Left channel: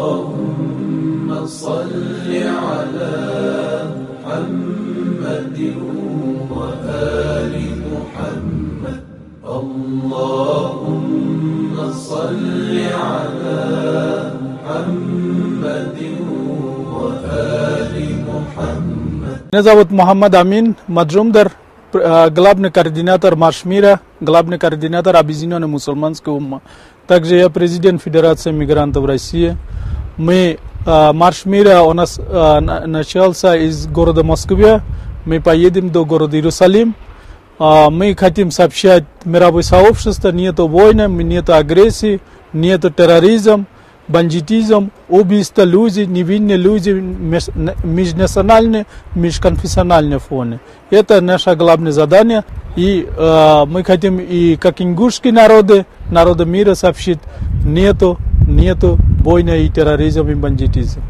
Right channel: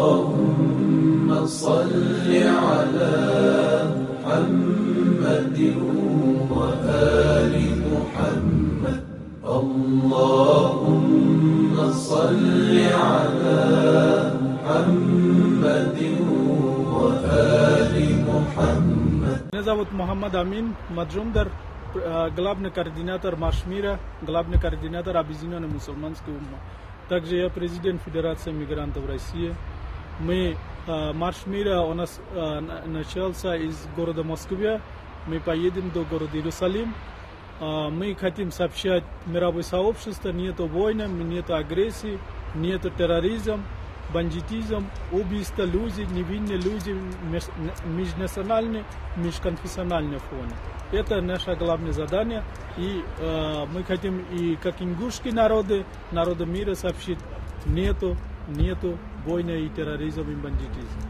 اللهم صل على محمد وآل محمد. اللهم صل على محمد وآل محمد. Меня зовут Мухаммад Амин Маджумдар, главный координатор Марш мира, главный координатор Объединенной мусульманской уммы. Также я президент Федерации мигрантов России. Марш мира у нас начался из города Москвы. Мы поедем до города Иерусалим. Мы хотим сообщать мировое сообщество: нету войны, нету агрессии, нету терроризма, бандитизм, убийства людей, невинные люди, межнациональные, межконфессиональные фоны. Это наше главное задание. И мы хотим, и как ингушские народы мира сообщить: нету войны и терроризма и бандитизма.